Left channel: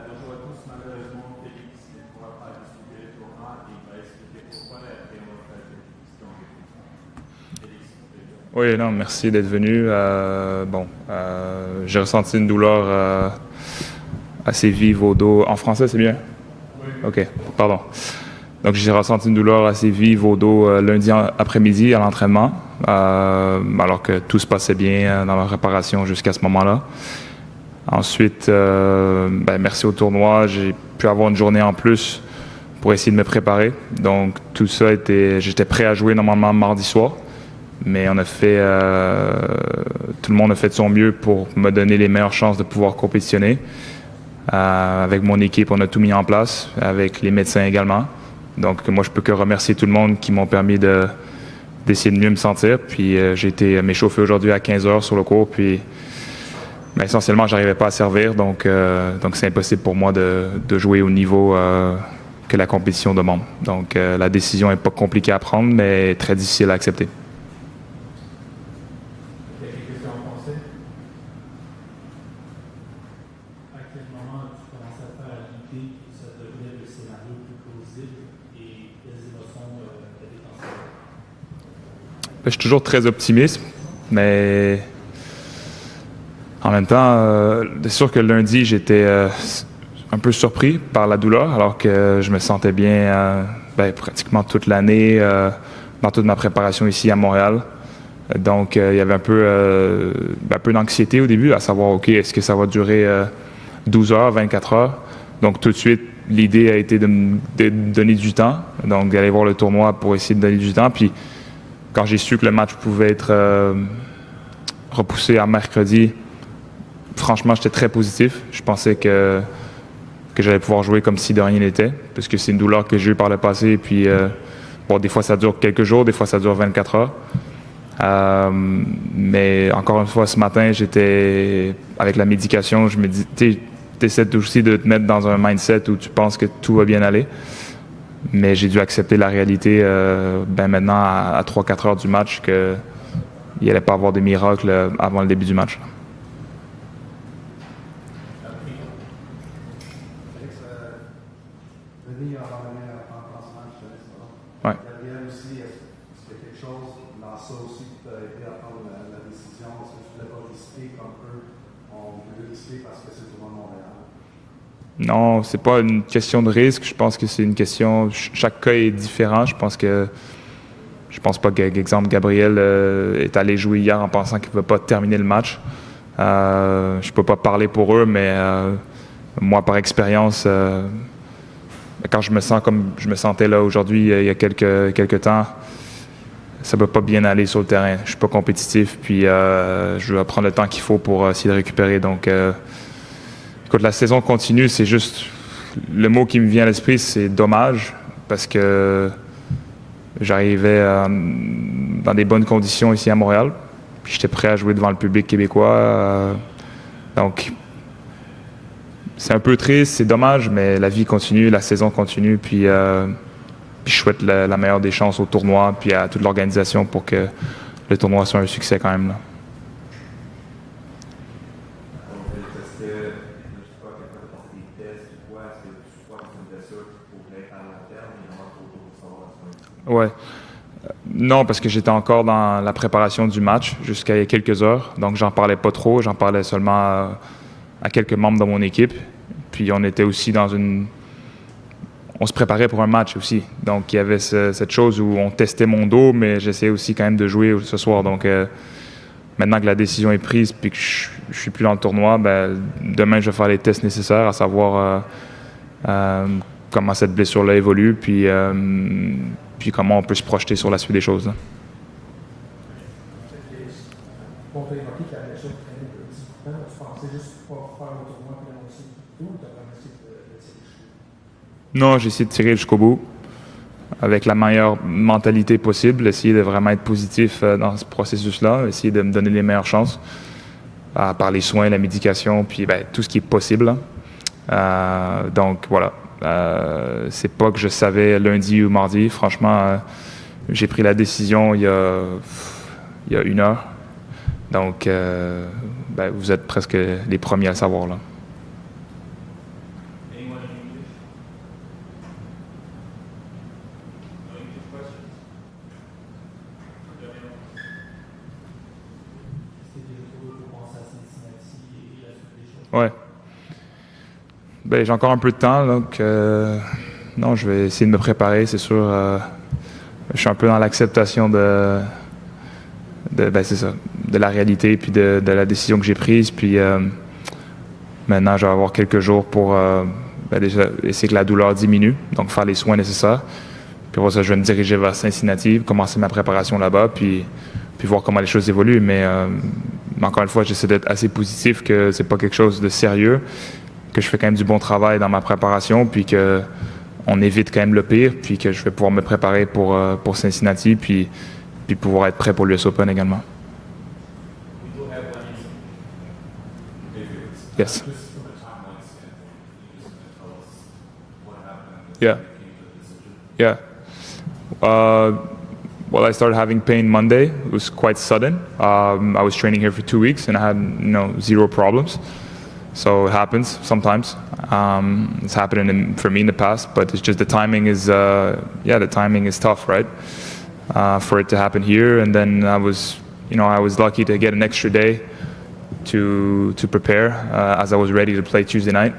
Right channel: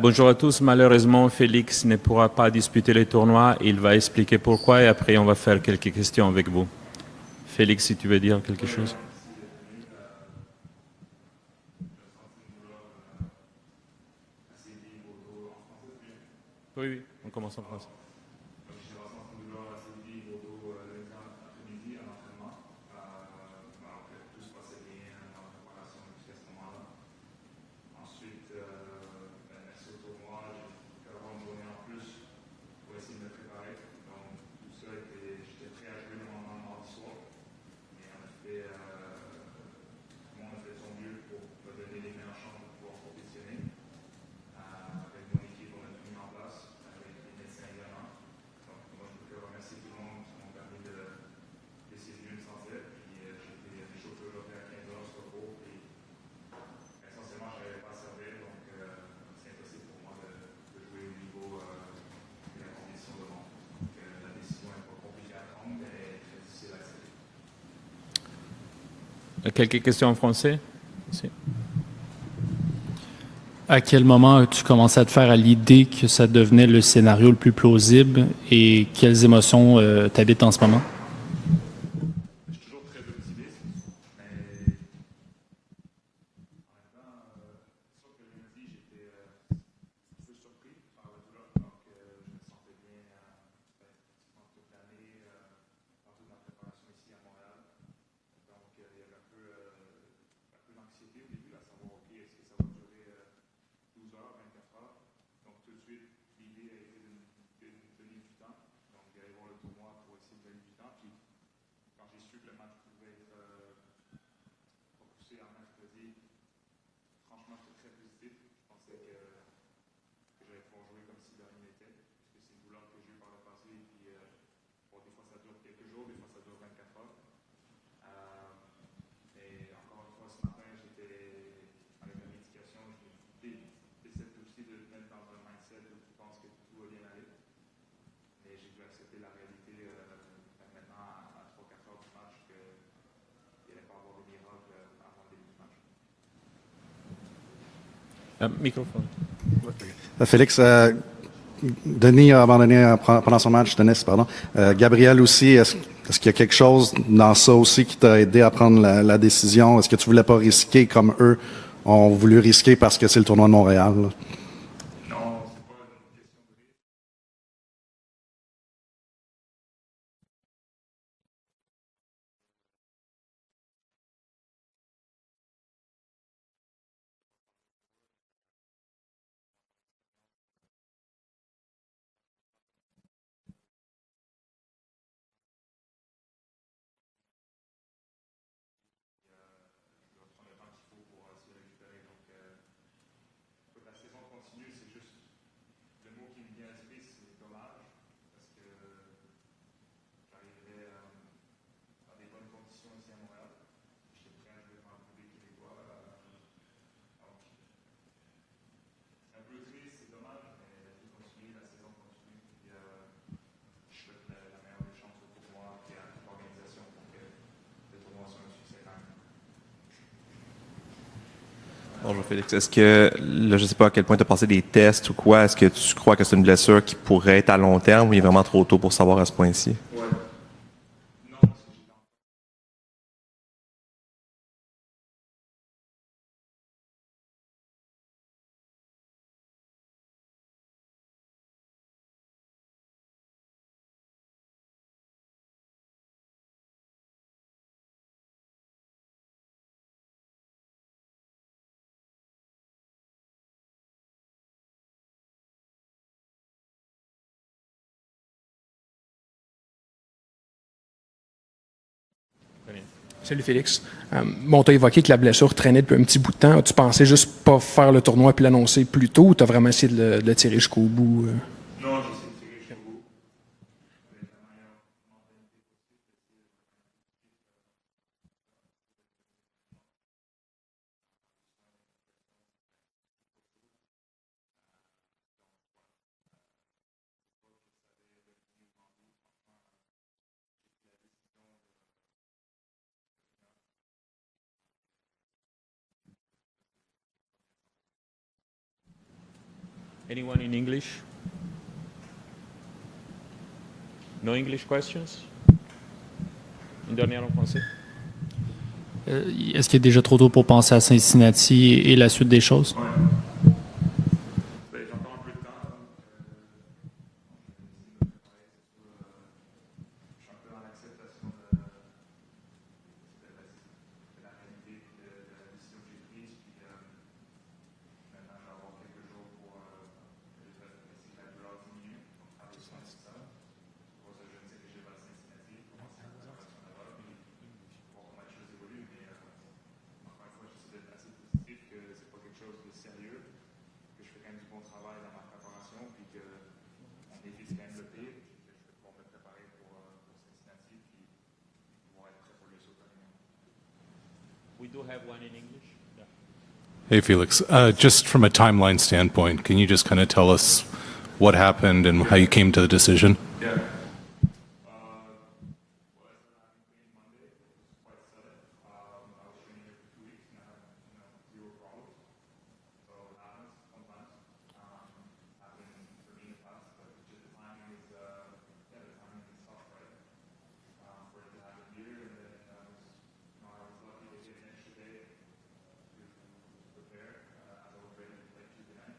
Bonjour à tous. Malheureusement, Félix ne pourra pas disputer le tournoi. Il va expliquer pourquoi et après, on va faire quelques questions avec vous. Félix, si tu veux dire quelque Oui, chose. non, merci d'être venu. J'ai ressenti une douleur assez vive au dos. En français, c'est bien? Oui. OK, pardon. Donc, j'ai ressenti une douleur assez vive au dos lundi après-midi à l'entraînement, alors que tout se passait bien dans la réparation jusqu'à ce moment-là. Ensuite, merci au tournoi, j'ai pu avoir une journée en plus pour essayer de me préparer. Donc, tout ça j'étais prêt à jouer normalement mardi soir. Mais tout le monde a fait de son mieux pour me donner les meilleures chances de pouvoir compétitionner. Avec mon équipe, on a tout mis en place, avec les médecins également. Donc, moi, je peux que remercier tout le monde qui m'ont permis d'essayer de mieux me sentir. Puis, j'ai été m'échauffer aujourd'hui à 15 heures sur le court. Puis, essentiellement, j'arrivais pas à servir. Donc c'est impossible pour moi de jouer au niveau que la compétition demande. Donc, la décision n'est pas compliquée à prendre, mais très difficile à accepter. Quelques questions en français? Si. À quel moment as-tu commencé à te faire à l'idée que ça devenait le scénario le plus plausible et quelles émotions t'habitent en ce moment? Je suis toujours très optimiste, mais en même temps, c'est sûr que lundi, j'étais un peu surpris par la douleur, alors que je me sentais bien pratiquement toute l'année dans toute ma préparation ici à Montréal. Donc, il y avait un peu d'anxiété au début, à savoir, OK, est-ce que ça va durer 12 heures, 24 heures? Donc, tout de suite, l'idée a été de donner du temps, donc d'aller voir le tournoi pour essayer de donner du temps. Puis, quand j'ai su que le match pouvait être repoussé à mercredi, franchement, j'étais très positif. Je pensais que j'allais pouvoir jouer comme si de rien n'était, parce que c'est une douleur que j'ai eue par le passé. Puis, des fois, ça dure quelques jours, des fois, ça dure 24 heures. Mais encore une fois, ce matin, j'étais avec la médication, je me dis, tu essaies aussi de te mettre dans un mindset où tu penses que tout va bien aller. Mais j'ai dû accepter la réalité maintenant à 3-4 heures du match qu'il n'allait pas avoir de miracles avant le début du match. Microphone. Félix, Denis a abandonné pendant son match, Denis, pardon. Gabriel aussi, est-ce qu'il y a quelque chose dans ça aussi qui t'a aidé à prendre la décision? Est-ce que tu voulais pas risquer comme eux ont voulu risquer parce que c'est le tournoi de Montréal? Là? Non, c'est pas une question de risque. Je pense que c'est une question. Chaque cas est différent. Je pense pas que, exemple, Gabriel est allé jouer hier en pensant qu'il ne pouvait pas terminer le match. Je peux pas parler pour eux, mais moi, par expérience, quand je me sens comme je me sentais là aujourd'hui, il y a quelques temps, ça peut pas bien aller sur le terrain. Je suis pas compétitif, puis je vais prendre le temps qu'il faut pour essayer de récupérer. Donc, écoute, la saison continue, c'est juste le mot qui me vient à l'esprit, c'est dommage, parce que j'arrivais dans des bonnes conditions ici à Montréal, puis j'étais prêt à jouer devant le public québécois. Donc, c'est un peu triste, c'est dommage, mais la vie continue, la saison continue, puis je souhaite la meilleure des chances au tournoi, puis à toute l'organisation pour que le tournoi soit un succès quand même. Là. Bonjour Félix, est-ce que, là, je ne sais pas à quel point tu as passé des tests ou quoi, est-ce que tu crois que c'est une blessure qui pourrait être à long terme ou il est vraiment trop tôt pour savoir à ce point-ci? Ouais. Non, parce que j'étais encore dans la préparation du match jusqu'à il y a quelques heures, donc j'en parlais pas trop, j'en parlais seulement à quelques membres de mon équipe. Puis on était aussi on se préparait pour un match aussi. Donc il y avait cette chose où on testait mon dos, mais j'essayais aussi quand même de jouer ce soir. Donc maintenant que la décision est prise puis que je suis plus dans le tournoi, demain je vais faire les tests nécessaires, à savoir comment cette blessure-là évolue, puis comment on peut se projeter sur la suite des choses. Là. Salut Félix. Tu as évoqué que la blessure traînait depuis un petit bout de temps. Tu pensais juste pas faire le tournoi puis l'annoncer plus tôt ou tu as vraiment essayé de le tirer jusqu'au bout? Non, j'ai essayé de tirer jusqu'au bout avec la meilleure mentalité possible, essayer de vraiment être positif dans ce processus-là, essayer de me donner les meilleures chances par les soins, la médication, puis tout ce qui est possible. Donc voilà, c'est pas que je savais lundi ou mardi. Franchement, j'ai pris la décision il y a 1 heure. Donc, vous êtes presque les premiers à le savoir. Là. English? No English questions? Une dernière en français? Est-ce qu'il est déjà trop tôt pour penser à Cincinnati et la suite des choses? Ouais. Ben, j'ai encore un peu de temps, donc non, je vais essayer de me préparer, c'est sûr. Je suis un peu dans l'acceptation ben, c'est ça, de la réalité puis de la décision que j'ai prise. Puis maintenant, je vais avoir quelques jours pour ben, déjà essayer que la douleur diminue, donc faire les soins nécessaires. Puis pour ça, je vais me diriger vers Cincinnati, commencer ma préparation là-bas, puis voir comment les choses évoluent. Mais encore une fois, j'essaie d'être assez positif, que c'est pas quelque chose de sérieux, que je fais quand même du bon travail dans ma préparation, puis que on évite quand même le pire, puis que je vais pouvoir me préparer pour Cincinnati, puis pouvoir être prêt pour l'US Open également. Hey, Felix. Yes. Just from a timeline standpoint, can you just kind of tell us what happened and Yeah. how you came to the decision? Yeah. Well, I started having pain Monday. It was quite sudden. I was training here for 2 weeks and I had, zero problems. So it happens sometimes. It's happened for me in the past, but it's just the timing is, the timing is tough, right? For it to happen here, and then I was lucky to get an extra day to prepare as I was ready to play Tuesday night.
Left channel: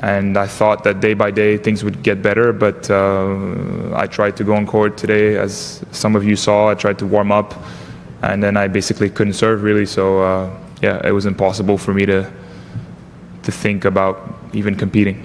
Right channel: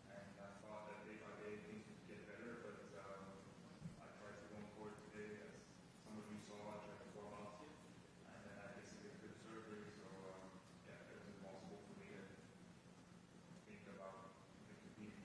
And I thought that day by day things would get better, but I tried to go on court today, as some of you saw. I tried to warm up, and then I basically couldn't serve really. So it was impossible for me to think about even competing.